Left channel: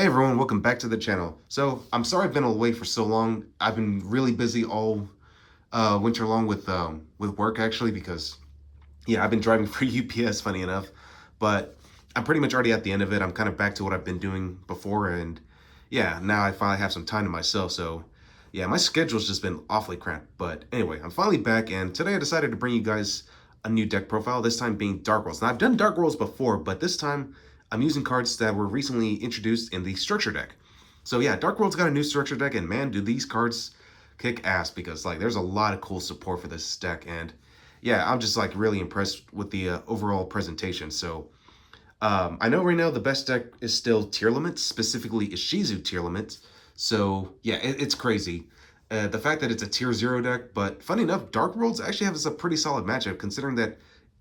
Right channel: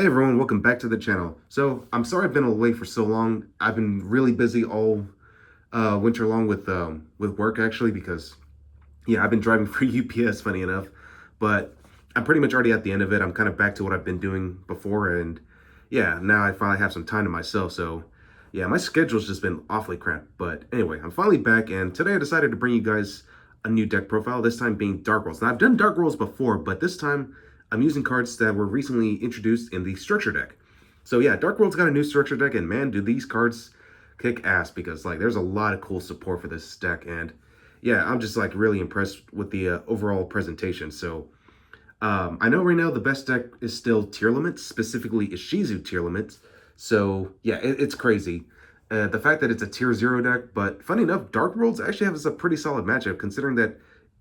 Hey everyone, welcome back to the channel. So I'm sorry I've been away for so long. I've been really busy all winter long with work actually because yeah, I've been driving for UPS, funny enough. But I'm pretty much already at the end of it. I'm kind of back to what I've been doing before, and yeah, now I finally have some time to myself. So yeah, my schedule's just been awfully cramped. But anyway, I'm finally back, and today I decided to bring you guys a new deck profile, this time being Dark Worlds. Now I've done Dark Worlds before, but this time I'm using cards that were recently introduced in the structure deck. So yeah, Dark World's got a new structure deck, and man, do these cards kick ass, because like there's a lot of cool support for this deck, and yeah, I'm just like really impressed with the overall presentation. So I know right now the best deck is still Tearlaments, specifically Ishizu Tearlaments. So yeah, it's crazy. The fact that it's a tier 0 deck, but funny enough, Dark Worlds actually has a pretty solid matchup, considering that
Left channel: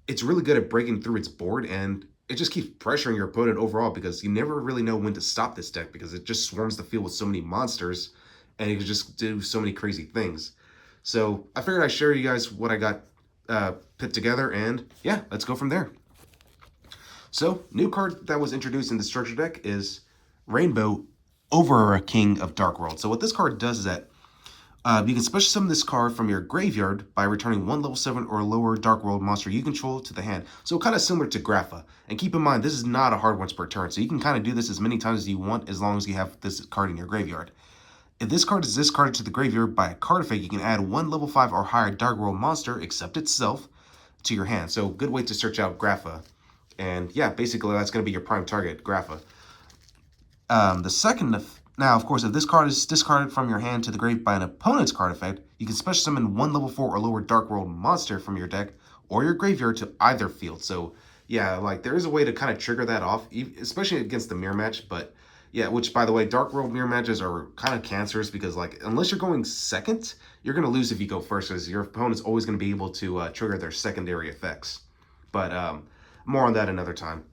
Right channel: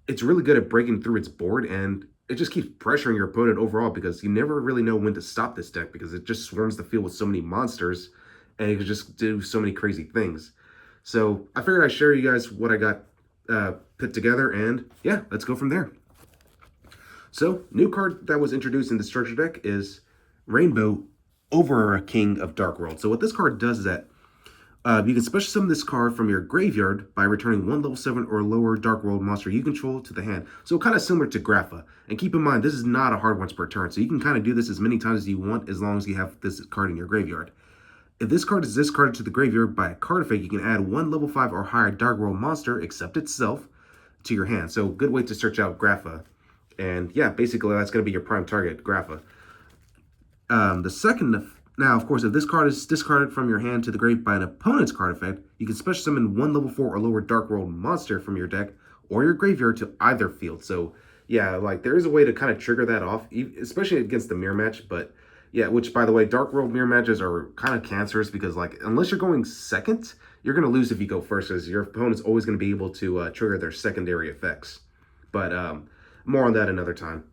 it's really good at breaking through its board, and it just keeps pressuring your opponent overall, because you never really know when to stop this deck, because it just swarms the field with so many monsters, and it can just do so many crazy things. So I figured I'd share you guys what I got put together, and yeah, let's go from there. So, new card that was introduced in the structure deck is Rainbow Over King of Dark World. So what this card does is that you can special summon this card from your graveyard by returning one level 7 or lower Dark World monster you control to the hand. So kind of similar to Grapha. And keep in mind, this is not a hard once per turn, so you can kind of do this as many times as you want, as long as you have this card in your graveyard. If this card is discarded to the graveyard by a card effect, you can add one level 5 or higher Dark World monster, except itself, to your hand. So good way to search out Grapha. And yeah, basically that's going to be your prime target, Grapha. Now, of course, if this card is discarded from your hand to the grave by an opponent's card effect, you can special summon one level 4 or lower Dark World monster from your deck or your graveyard to either field. So yeah, like there is a way to kind of trigger that off, especially against the mirror match. But yeah, which by the way, Dark World mirror matches are kind of cancerous, because like unless you're going second, you're going to lose if you go first, because your opponent's always going to be able to trigger their secondary effects. But more on that another time.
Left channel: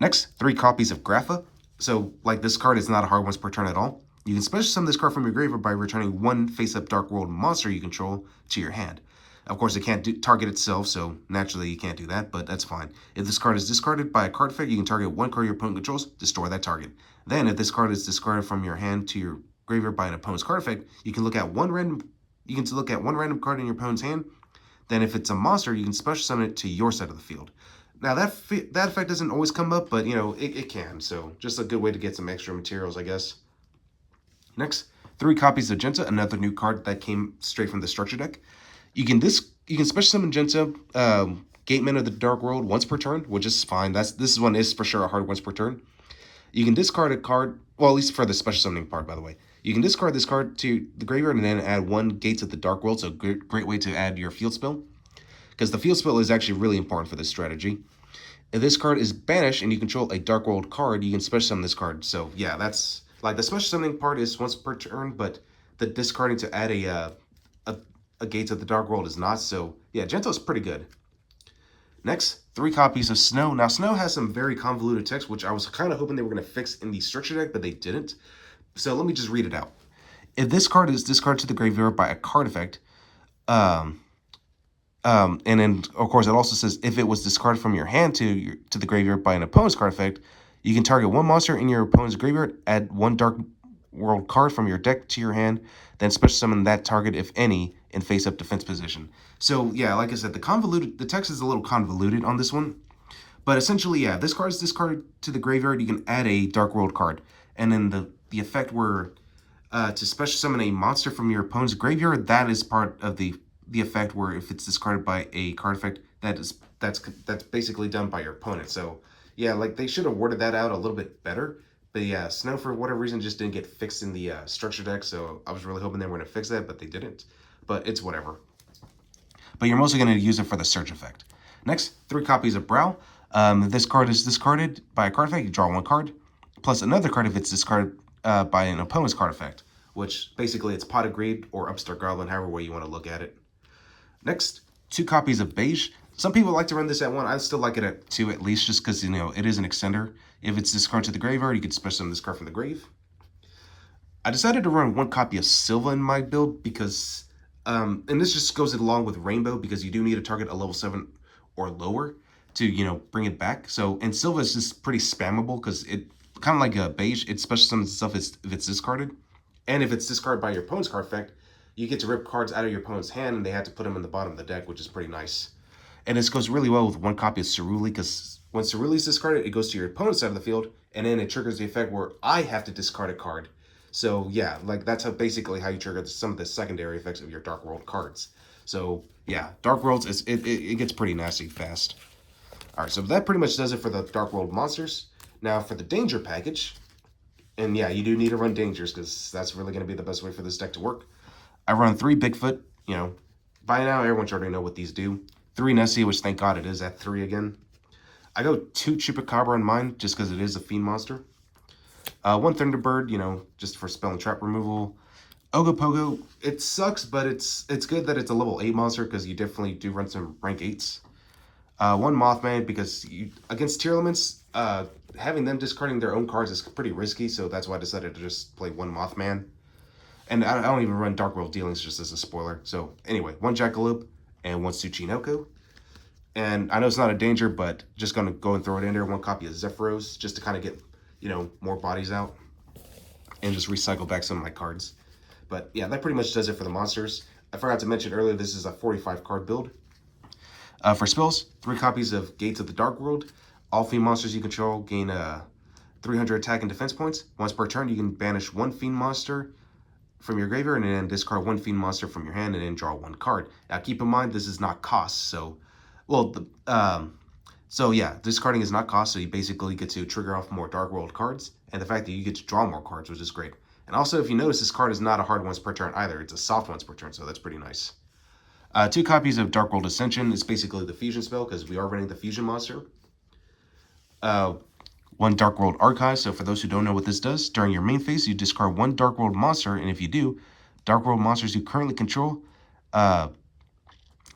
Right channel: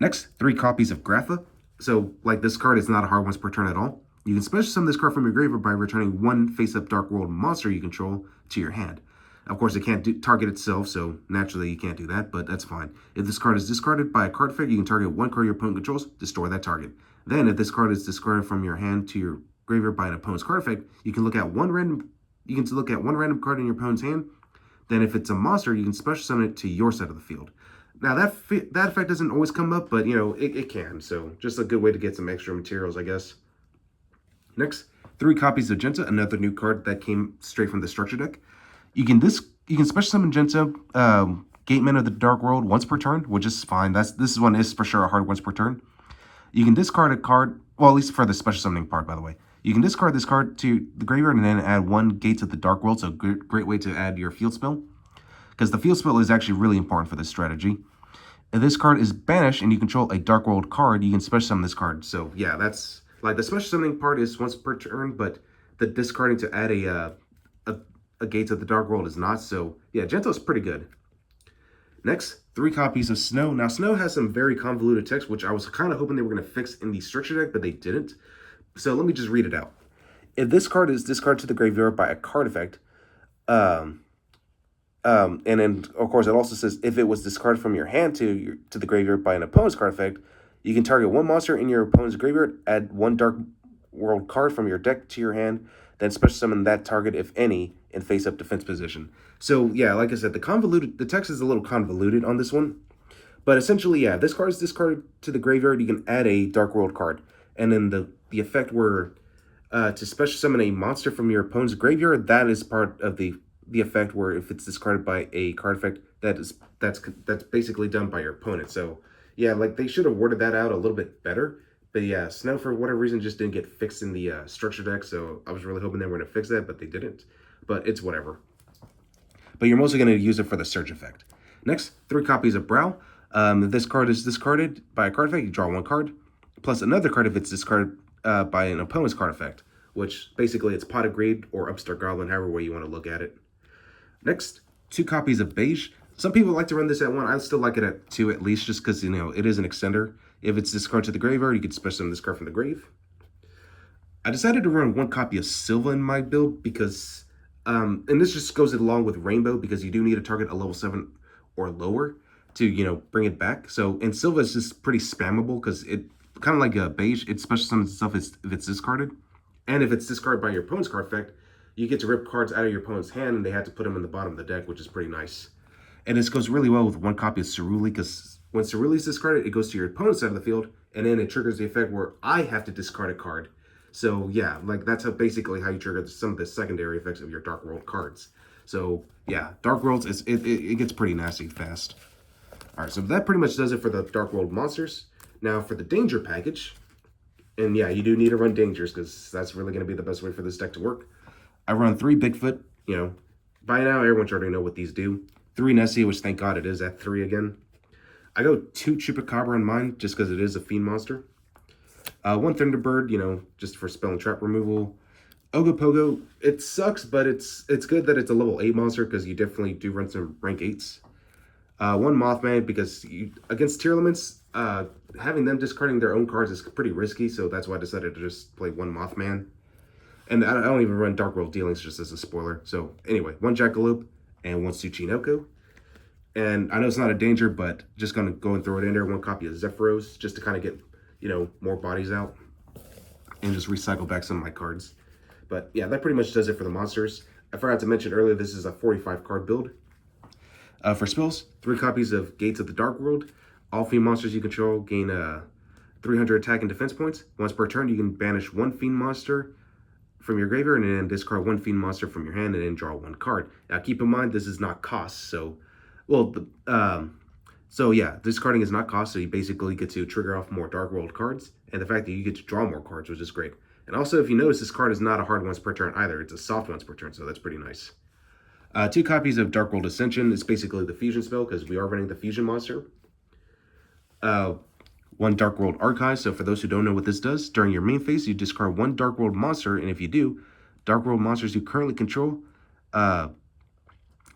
Next, 3 copies of Grapha. So, like, this card is not a hard once per turn at all. You can special summon this card from your graveyard by returning one face-up Dark World monster you control to your hand. Of course, it can't target itself, so naturally you can't do that, but that's fine. If this card is discarded by a card effect, you can target one card your opponent controls, destroy that target. Then, if this card is discarded from your hand to your graveyard by an opponent's card effect, you can look at one random card in your opponent's hand. Then, if it's a monster, you can special summon it to your side of the field. Now, that effect doesn't always come up, but, you know, it can. So, just a good way to get some extra materials, I guess. Next, 3 copies of Genta, another new card that came straight from the structure deck. You can special summon Genta, Gateman of the Dark World, once per turn, which is fine. This one is for sure a hard once per turn. You can discard a card, well, at least for the special summoning part, by the way. You can discard this card to the graveyard and then add one Gates of the Dark World, so great way to add your field spell, because the field spell is actually really important for this strategy. If this card is banished and you control a Dark World card, you can special summon this card. So yeah, that's like the special summoning part is once per turn, but the discarding to add a Gates of the Dark World is not. So yeah, Gento's pretty good. Next, 3 copies of Snow. Now, Snow has some very convoluted text, which I was kind of hoping they were going to fix in the structure deck, but they didn't. So let me just read it out. If this card is discarded to the graveyard by a card effect, and then, of course, it also says if it was discarded from your hand to the graveyard by an opponent's card effect, you can target one monster in your opponent's graveyard, add one Dark World card from your deck to your hand, then special summon that target, if any, in face-up defense position. So, yeah, like I said, the text is a little convoluted on this one. But essentially, yeah, this card is discarded to the graveyard, you can add a Dark World card. And then the effect where to special summon a monster from your opponent's graveyard, that is part of the effect where if it's discarded by a card effect, that's basically done by your opponent. So yeah, like they should have worded that out a little bit better. But yeah, Snow for whatever reason just didn't get fixed in the structure deck, so I was really hoping they were going to fix that, but they didn't. But it's whatever. But you're mostly going to use it for the search effect. Next, 3 copies of Brow. If this card is discarded by a card effect, you draw 1 card, plus another card if it's discarded by an opponent's card effect, which basically it's Pot of Greed or Upstart Goblin, however way you want to look at it. Next, 2 copies of Beige. Some people like to run this at 1. I still like it at 2 at least, just because, you know, it is an extender. If it's discarded to the graveyard, you can special summon this card from the grave. I decided to run 1 copy of Silva in my build because, and this just goes along with Rainbow, because you do need to target a level 7 or lower to, you know, bring it back. So, and Silva is just pretty spammable because it kind of like a beige. It special summons itself if it's discarded. And if it's discarded by your opponent's card effect, you get to rip cards out of your opponent's hand, and they have to put them in the bottom of the deck, which is pretty nice. And this goes really well with one copy of Ceruli, because when Ceruli is discarded, it goes to your opponent's side of the field, and then it triggers the effect where I have to discard a card. So yeah, like that's basically how you trigger some of the secondary effects of your Dark World cards. So yeah, Dark Worlds, it gets pretty nasty fast. All right, so that pretty much does it for the Dark World monsters. Now for the Danger package, and yeah, you do need to run Dangers, because that's really going to be the best way for this deck to work. I run 3 Bigfoot, you know, by now everyone should already know what these do. 3 Nessie, which thank God it is at 3 again. I go 2 Chupacabra in mine, just because it is a fiend monster. 1 Thunderbird, you know, just for spell and trap removal. Ogopogo, it sucks, but it's good that it's a level 8 monster, because you definitely do run some rank 8s. 1 Mothman, because against Tearlaments, having them discarding their own cards is pretty risky, so that's why I decided to just play 1 Mothman. And I don't even run Dark World Dealings, just as a spoiler. So anyway, 1 Jackalope and 1 Tsuchinoko. And I know it's not a danger, but just going to go and throw it in there. 1 copy of Zephyros, just to kind of get, you know, more bodies out. And just recycle back some of my cards. But yeah, that pretty much does it for the monsters. I forgot to mention earlier, this is a 45 card build. For spells, 3 copies of Gates of the Dark World. All fiend monsters you control gain 300 attack and defense points. Once per turn, you can banish 1 fiend monster from your graveyard and then discard 1 fiend monster from your hand and then draw 1 card. Now keep in mind, this is not cost, so so yeah, discarding is not cost, so you basically get to trigger off more Dark World cards, and the fact that you get to draw more cards, which is great. And also, if you notice, this card is not a hard once per turn either, it's a soft once per turn, so that's pretty nice. 2 copies of Dark World Ascension is basically the fusion spell, because we are running the fusion monster. 1 Dark World Archive, so for those who don't know what this does, during your main phase, you discard 1 Dark World monster, and if you do, Dark World monsters you currently control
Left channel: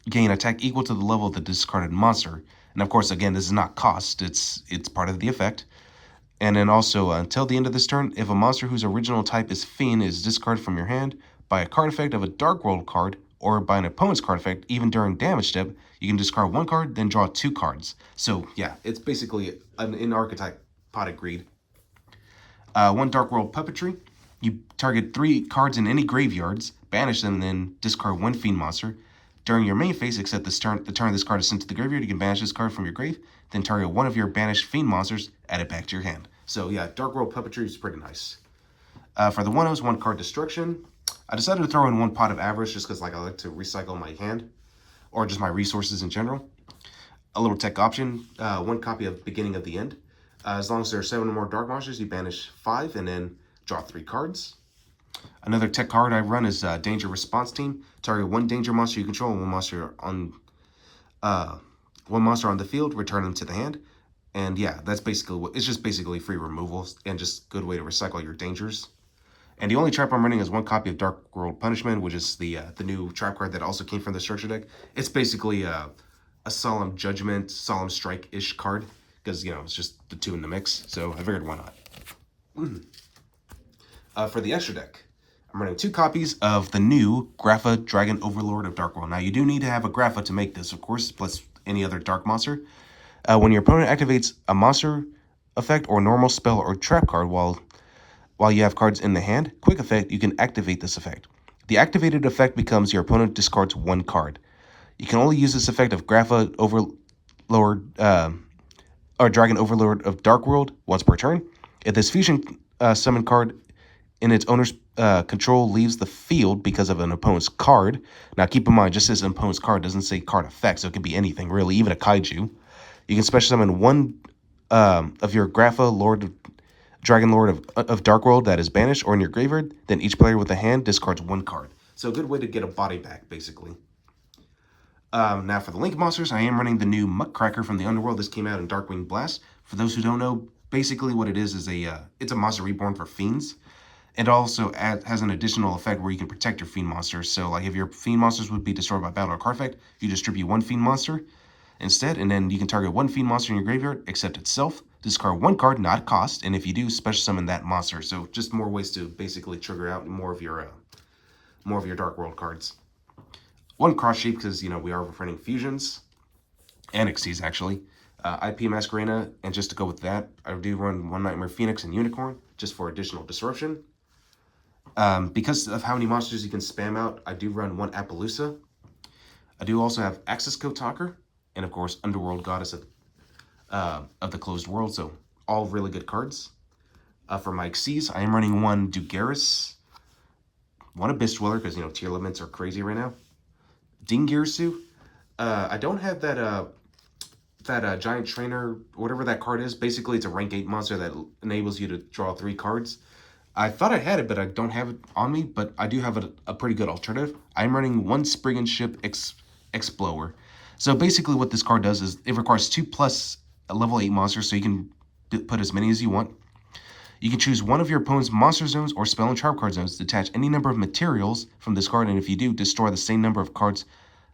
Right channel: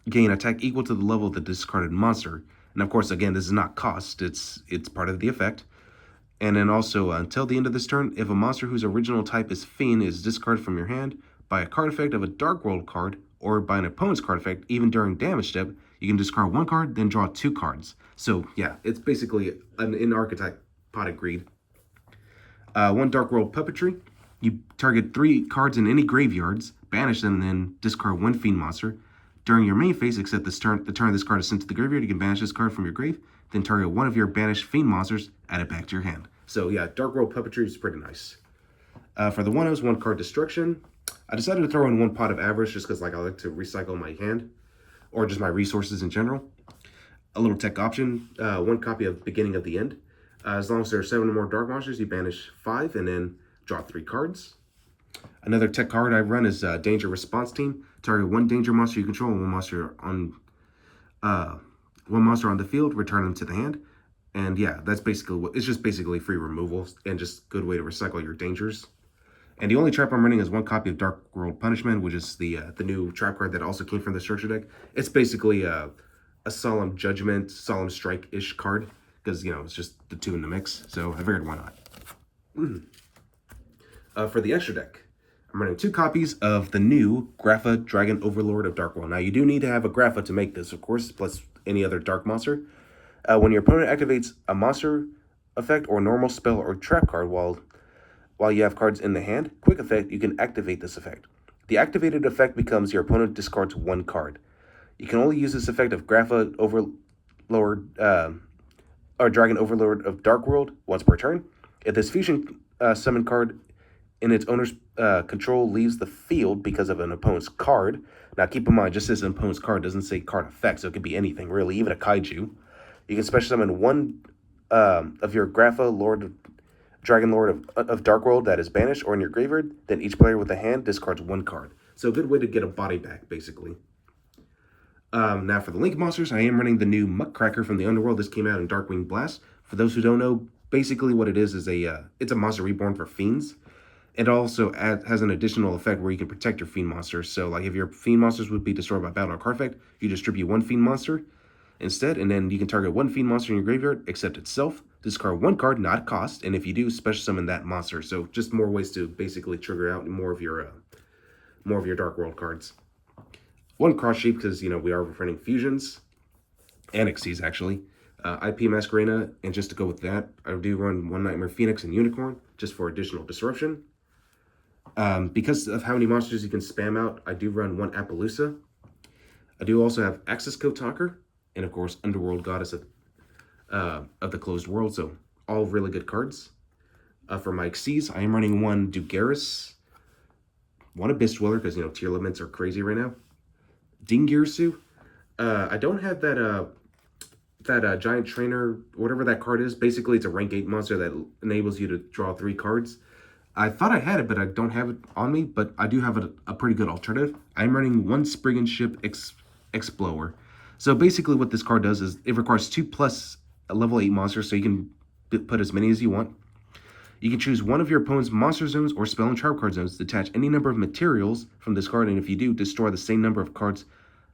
gain attack equal to the level of the discarded monster. And of course, again, this is not cost, it's part of the effect. And then also, until the end of this turn, if a monster whose original type is Fiend is discarded from your hand by a card effect of a Dark World card, or by an opponent's card effect, even during damage step, you can discard 1 card, then draw 2 cards. So yeah, it's basically an in-archetype Pot of Greed. 1 Dark World Puppetry. You target 3 cards in any graveyards, banish them, and then discard 1 fiend monster. During your main phase, except the turn this card is sent to the graveyard, you can banish this card from your grave, then target 1 of your banished fiend monsters, add it back to your hand. So yeah, Dark World Puppetry is pretty nice. For the 1-0s, 1 card destruction. I decided to throw in 1 Pot of Avarice just because like I like to recycle my hand, or just my resources in general. A little tech option, 1 copy of Beginning of the End. As long as there are 7 or more dark monsters, you banish 5 and then draw 3 cards. Another tech card I run is Danger Response Team. Target 1 danger monster you control and 1 monster on the field. Return them to the hand. And yeah, that's basically what it's just basically free removals and just good way to recycle your dangers. And the only trap I'm running is 1 copy of Dark World Punishment, which is the new trap card that also came from the structure deck. It's basically a Solemn Judgment, Solemn Strike-ish card, because, you know, it's just the 2 in the mix, so I figured why not. For the extra deck, I'm running 2 copies of the new Grapha Dragon Overlord of Dark World. Now, you do need to have a Grapha to make this, of course, plus any other dark monster. When your opponent activates a monster effect or normal spell or trap card while you have cards in the hand, quick effect, you can activate this effect. The activated effect becomes your opponent discards 1 card. You can only use this effect of Grapha Overlord or Dragon Overlord of Dark World once per turn. If this fusion summon card in its owner's control leaves the field because of an opponent's card. Now keep in mind, just as an opponent's card doesn't say card effect, so it could be anything really, even a kaiju. You can special summon 1 of your Grapha Dragon Lord of Dark World that is banished or in your graveyard. Then each player with a hand discards 1 card. So a good way to get a body back, basically. Now for the Link monsters, I am running the new Muckcracker from the Underworld. This came out in Darkwing Blast. For those who don't know, basically what it is it's a monster reborn for fiends. It also has an additional effect where you can protect your fiend monsters. So like if your fiend monsters would be destroyed by battle or card effect, you distribute 1 fiend monster instead, and then you can target 1 fiend monster in your graveyard, except itself. Discard 1 card, not cost, and if you do, special summon that monster. So just more ways to basically trigger out more of your Dark World cards. 1 Cross Sheep, because, you know, we are running fusions and Xyz actually. IP Masquerena, and just to go with that, I do run One Nightmare Phoenix and Unicorn, just for additional disruption. Because of how many monsters you can spam out, I do run one Appaloosa. I do also have Axis Code Talker, and of course, Underworld Goddess of the Closed World, so all really good cards. For my Xyz, I am running one Dugaris, one Abyss Dweller, because, you know, Tearlaments are crazy right now. Dingirsu. I don't have that Giant Trainer, whatever that card is. Basically, it's a rank 8 monster that enables you to draw 3 cards. I thought I had it, but I don't have it on me, but I do have a pretty good alternative. I'm running one Spriggan Ship Explorer. So basically what this card does is it requires 2+ level 8 monsters, so you can put as many as you want. You can choose one of your opponent's monster zones or spell and trap card zones to attach any number of materials from this card, and if you do, destroy the same number of cards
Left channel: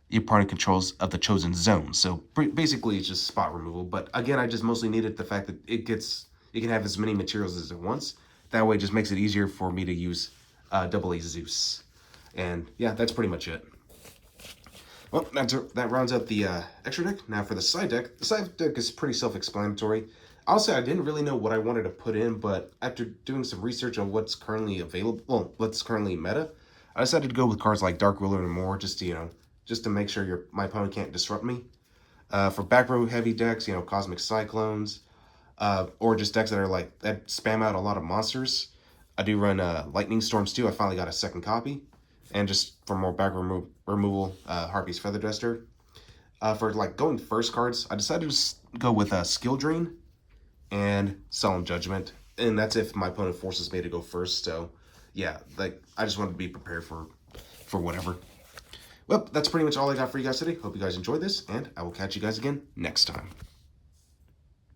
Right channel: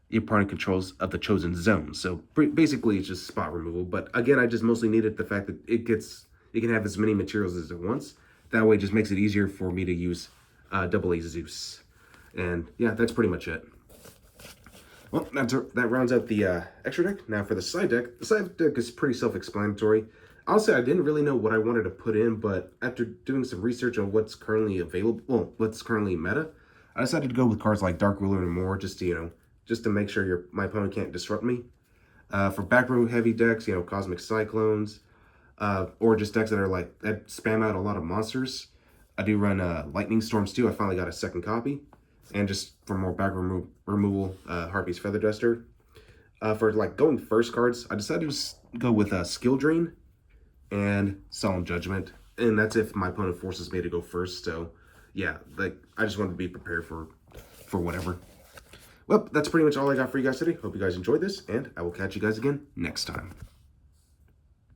your opponent controls of the chosen zone. So basically it's just spot removal, but again, I just mostly needed the fact that it can have as many materials as it wants. That way it just makes it easier for me to use AA Zeus. And yeah, that's pretty much it. Well, that rounds out the extra deck. Now for the side deck. The side deck is pretty self-explanatory. Honestly, I didn't really know what I wanted to put in, but after doing some research on what's currently available, well, what's currently meta, I decided to go with cards like Dark Ruler and more, just to, you know, just to make sure my opponent can't disrupt me. For back row heavy decks, you know, Cosmic Cyclones, or just decks that spam out a lot of monsters, I do run Lightning Storms too. I finally got a second copy. And just for more back removal, Harpy's Feather Duster. For like going first cards, I decided to go with Skill Drain and Solemn Judgment. And that's if my opponent forces me to go first. So yeah, like I just wanted to be prepared for whatever. Well, that's pretty much all I got for you guys today. Hope you guys enjoyed this, and I will catch you guys again next time.